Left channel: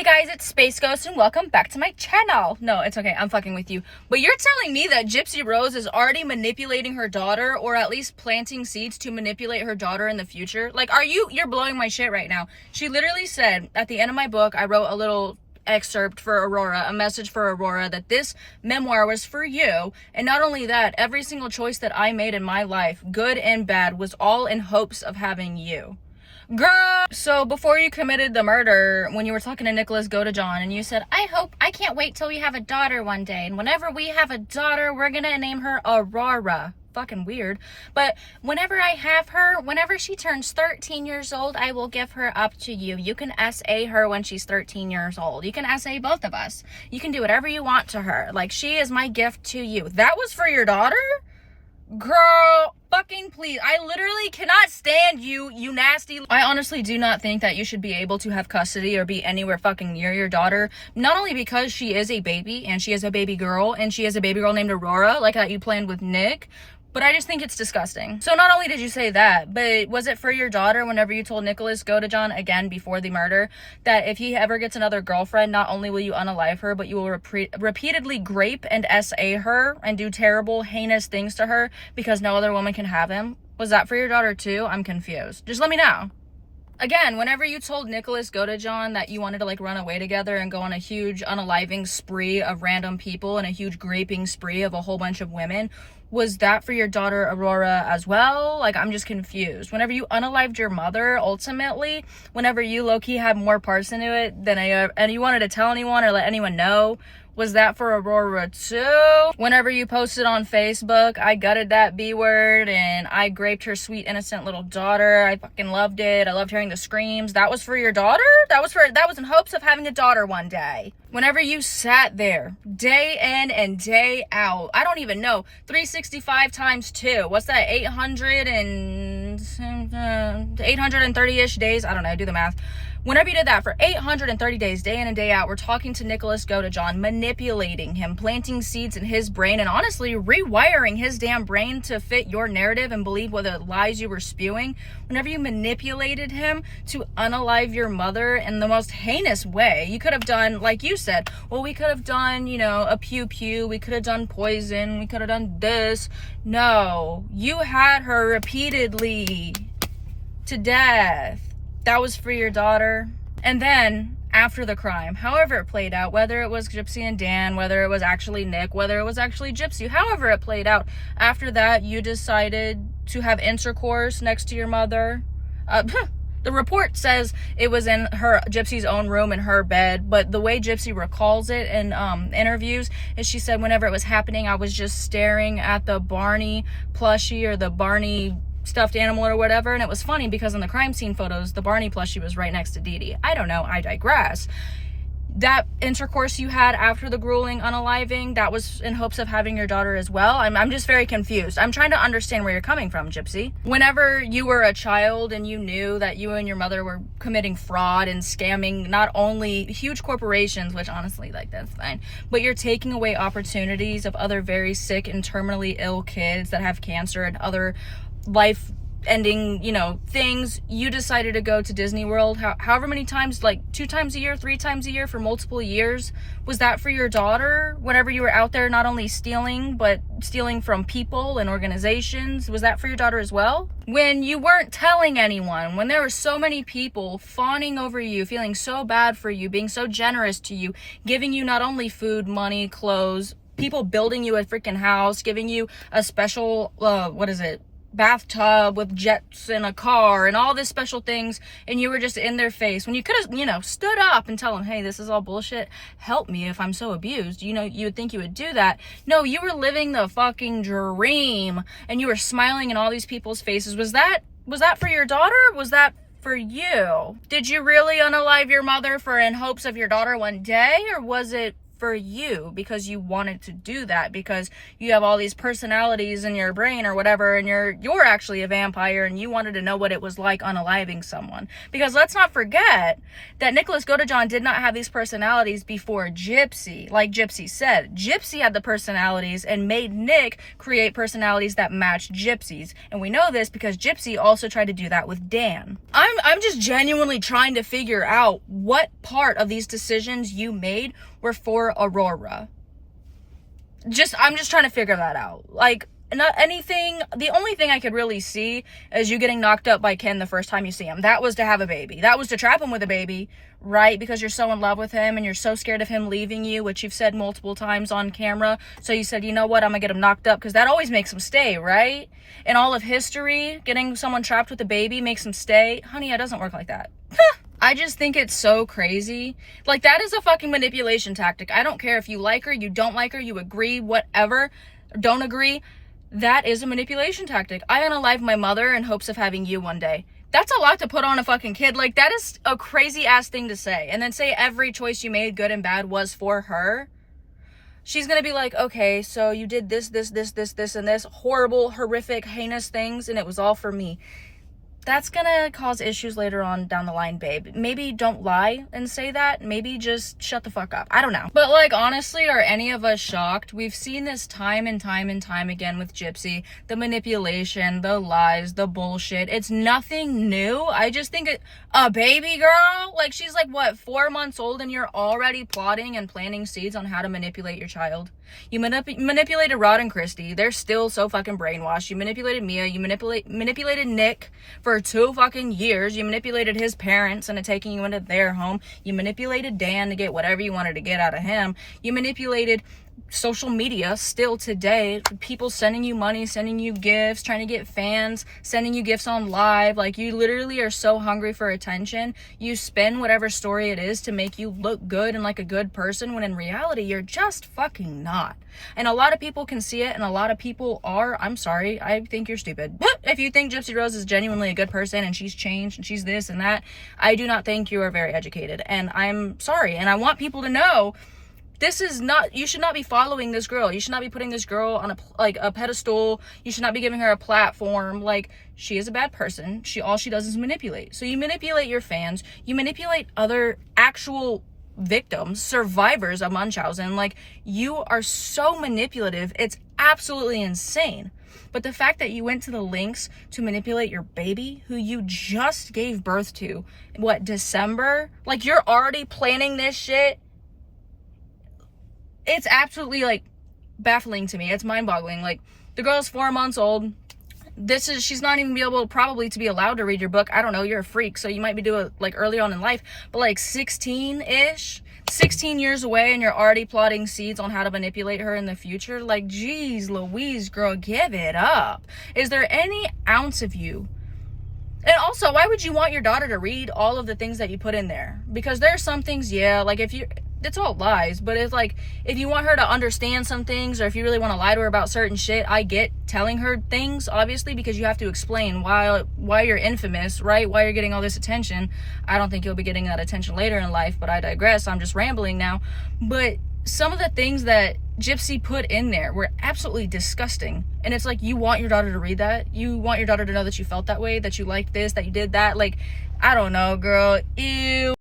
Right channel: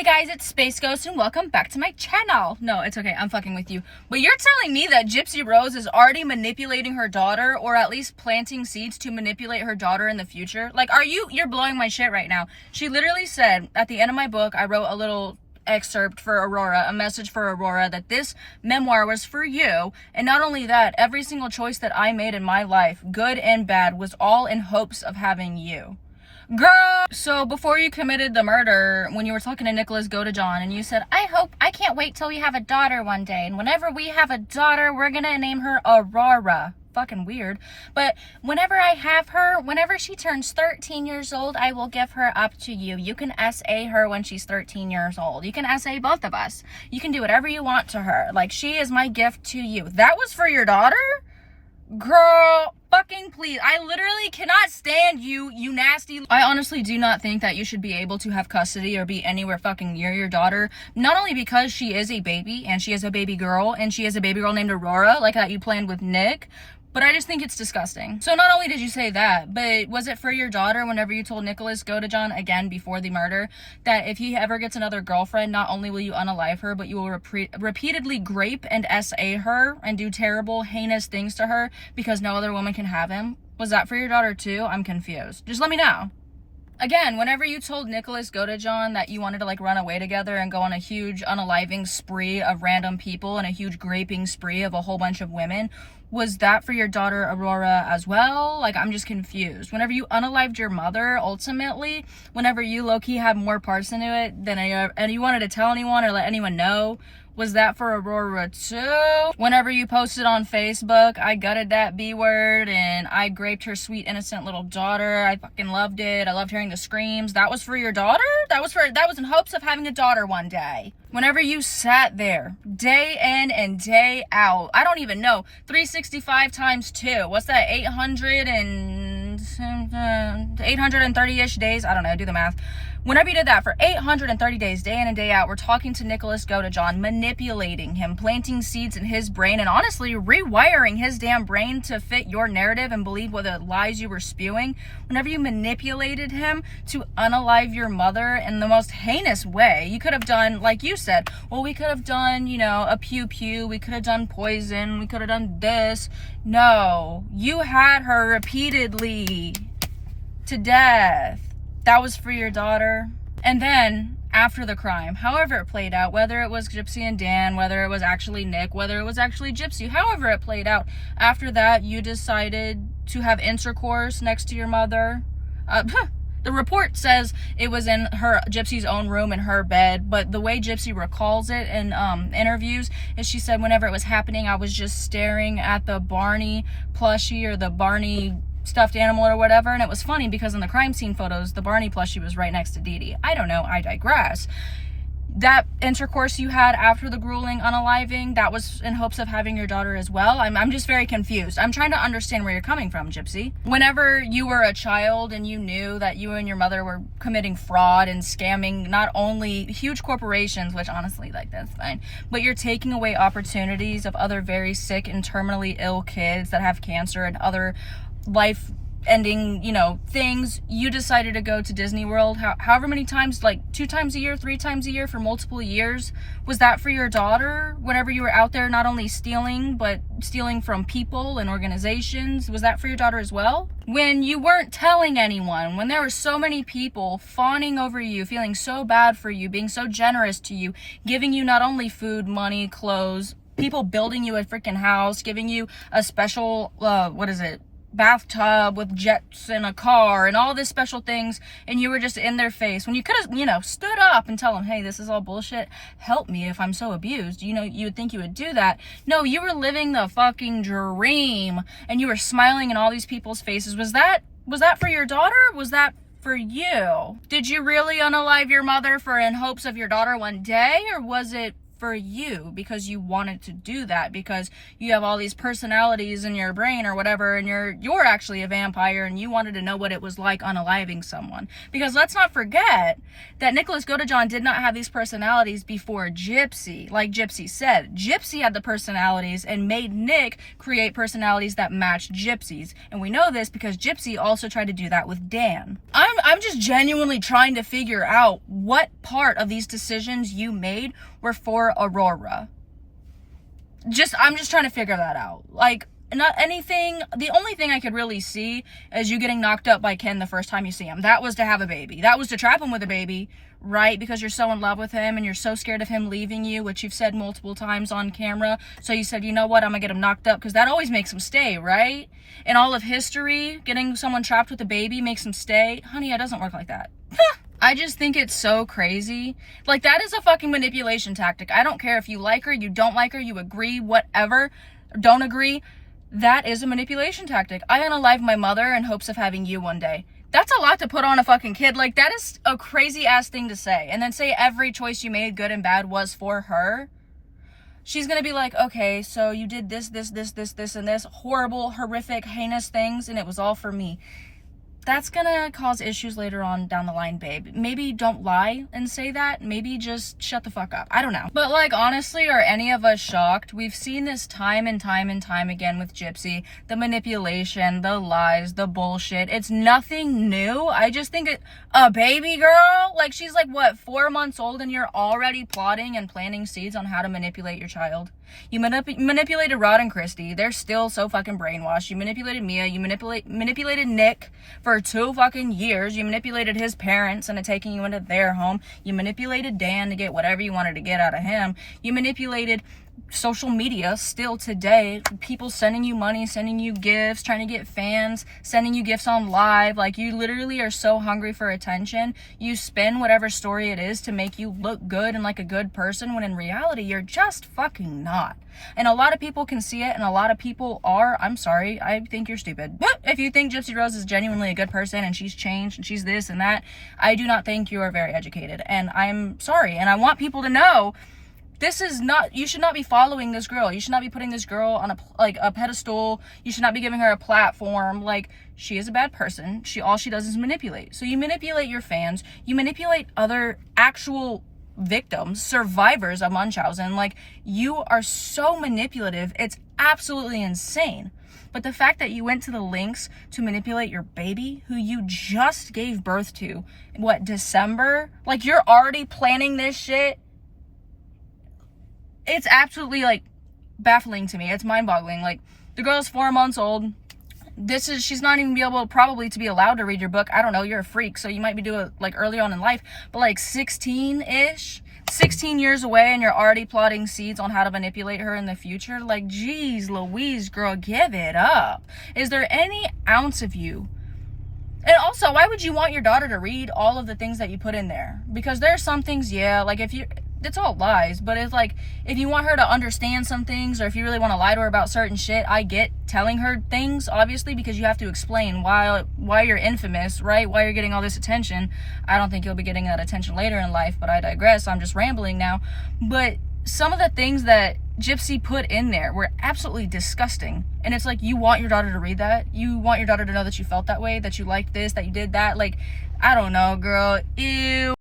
Hey guys, it's Space Ghost and welcome back to my channel. No, it's okay, I'm fucking with you. But you're telling me that Gypsy Rose is already manipulating her daughter, or at least planting seeds to manipulate her daughter in the future? Like, you're blowing my shit right now. She literally said, at the end of my book, I wrote a little excerpt for Aurora, a message for Aurora, that this memoir was for you. And not only that, every single choice that I made in my life, good and bad, was all in hopes of having you. Girl! So before you committed the murder, when you were talking to Nicholas Godejohn and you said, I can't wait till we have a daughter one day. And whenever we have a daughter, we're gonna name her Aurora. Fucking weird. But whenever I have her, whenever she turns 13 years old, I will give her up to you. You can SA her when she's 13 years old. You can SA both of us. You can do whatever you want to her. Like, she is my gift to you. That was for your daughter? Girl, fucking please. I literally cannot stand you, you nasty. I honestly do not think that you should be able to have custody or be anywhere fucking near your daughter. Not only because she is a baby, and she is a baby girl, and she is a baby girl named Aurora, like that you planned with Nick, but I just think it's disgusting. So not only did you say that, but was it for your daughter whenever you told Nicholas Godejohn, again before the murder, that if he ever gets another girlfriend, not only will you unalive her, but you will repeatedly grape and SA her and do terrible, heinous things to her because no other woman can have him? Was that for your daughter too? I'm confused. Just let me know. Again, whenever you told Nicholas Godejohn that you wanted to like run away together and go on a huge unaliving spree of random people and a huge graping spree of a whole bunch of women, was that for your daughter Aurora as well? Like, I'm just confused. Whenever you unalived your mother, ultimately, whenever you low-key had more parts into it than and you wanted to tell anyone or let anyone know, was that for Aurora too? Whenever you posted on Facebook, I gutted that B word and I graped her sweet innocent little daughter. I fucking loved it. I loved hearing the screams. That was for your daughter? That was in hopes of having a daughter one day. Whenever you sat there day in and day out, I don't even know, 365 times 2, what's that, 830-ish days? I don't know, do the math. Whenever you did that for 830 days, day in and day out, we're talking to Nicholas Godejohn, manipulating him, planting seeds in his brain, and honestly rewiring his damn brain to fit your narrative and believe what the lies you were spewing. Whenever you manipulated him to unalive your mother in the most heinous way, you could have done, like you said, well, we could have done, you know, a pew-pew, we could have done poison, we could have done this. No, you had her repeatedly to death. That was for your daughter. And then, after the crime, however it played out, whether it was Gypsy and Dan, whether it was actually Nick, whether it was actually Gypsy, however it played out, after that, you decided to have intercourse next to your mother. The report says it was in Gypsy's own room in her bed, but the way Gypsy recalls it in interviews is she said whenever it was happening, I was just staring at the Barney plushie or the Barney stuffed animal or whatever, and it was funny because in the crime scene photos, the Barney plushie was right next to Dee Dee. I don't know, I digress. That intercourse you had after the grueling unaliving, that was in hopes of having your daughter as well? I'm just very confused. I'm trying to understand where you're coming from, Gypsy. Whenever you were a child and you knew that you and your mother were committing fraud and scamming not only huge corporations, which honestly, like, that's fine, but you're taking away opportunities of other very sick and terminally ill kids that have cancer and other life-ending, you know, things, you decided to go to Disney World however many times, like 2 times a year, 3 times a year for multiple years. Was that for your daughter? Whenever you were out there not only stealing, but stealing from people and organizations, was that for your daughter as well? When you weren't telling anyone, when there were so many people fawning over you, feeling so bad for you, being so generous to you, giving you not only food, money, clothes, people building you a freaking house, giving you a special, bathtub with jets in a car and all these special things, and you were just in their face when you could have, you know, stood up and tell them, hey, this is all bullshit, help me if I'm so abused. You know, you would think you would do that. No, you were living the fucking dream and you were smiling in all these people's faces. Was that for your daughter? Was that for you? Did you really unalive your mother in hopes of your daughter one day, or was it for you because you wanted to do that, because you have all these personalities in your brain or whatever, and you're actually a vampire and you wanted to know what it was like unaliving someone. Because let's not forget that Nicholas Godejohn did not have these personalities before Gypsy. Like Gypsy said, Gypsy had the personalities and made Nick create personalities that matched Gypsy's. And we know this because Gypsy also tried to do that with Dan. I'm just genuinely trying to figure out what part of these decisions you made were for Aurora. I'm just trying to figure that out. Like, not anything. The only thing I could really see is you getting knocked up by Ken the first time you see him. That was to have a baby. That was to trap him with a baby, right? Because you're so in love with him and you're so scared of him leaving you, which you've said multiple times on camera. So you said, you know what, I'm gonna get him knocked up because that always makes him stay, right? In all of history, getting someone trapped with a baby makes him stay. Honey, it doesn't work like that. I just think it's so crazy. Like, that is a fucking manipulation tactic. I don't care if you like her, you don't like her, you agree, whatever, don't agree. That is a manipulation tactic. I unalive my mother in hopes of having you one day. That's a lot to put on a fucking kid. Like, that is a crazy ass thing to say. And then say every choice you made, good and bad, was for her. She's gonna be like, okay, so you did this, and this horrible, horrific, heinous things, and it was all for me. That's gonna cause issues later on down the line, babe. Maybe don't lie and say that. Maybe just shut the fuck up. I don't know. But, like, honestly, are any of us shocked? We've seen this time and time and time again with Gypsy. The manipulation, the lies, the bullshit. It's nothing new. I just think a baby girl? Like, she's like, what, 4 months old and you're already plotting and planting seeds on how to manipulate your child? You manipulated Rod and Christy. They're still so fucking brainwashed. You manipulated Mia. You manipulated Nick for 2 fucking years. You manipulated his parents into taking you into their home. You manipulated Dan to get whatever you wanted to get out of him. You manipulated social media still today. People sending you money, sending you gifts, trying to get fans, sending you gifts on live. Like, you literally are so hungry for attention. You spin whatever story it is to make you look good and like a good person, when in reality you're just fucking not. And a lot of people can see it, and a lot of people are. I'm sorry, I think you're stupid. If you think Gypsy Rose is genuinely a good person and she's changed and she's this and that, I do not think you are very educated, and I'm sorry. And I want people to know, this is not, you should not be following this girl. You should not be putting this girl on a pedestal. You should not be giving her a platform. Like, she is a bad person. All she does is manipulate. So you manipulate your fans. You manipulate other actual victims, survivors of Munchausen. Like, you are so manipulative. It's absolutely insane. But the fact that you went to the lengths to manipulate your baby, who you just gave birth to, what, December? Like, you're already planning this shit. It's absolutely, like, baffling to me. It's mind-boggling. Like, the girl's 4 months old. She's not even probably to be allowed to read your book. I don't know, you're a freak, so you might be doing it, like, early on in life. But, like, 16-ish, 16 years away, and you're already plotting seeds on how to manipulate her in the future. Like, geez Louise, girl, give it up. Is there any ounce of you? And also, why would you want your daughter to read all of the things that you put in there? Because there are some things, yeah, like, it's all lies, but it's like, if you want her to understand some things, or if you really want to lie to her about certain shit, I get telling her things, obviously, because you have to explain why you're infamous, right? Why you're getting all this attention. I don't think you'll be getting that attention later in life, but I digress. I'm just rambling now. But some of the things that Gypsy put in there were absolutely disgusting. And it's like, you want your daughter to read that? You want your daughter to know that you felt that way, that you liked this, that you did that? Like, I don't know, girl. Ew.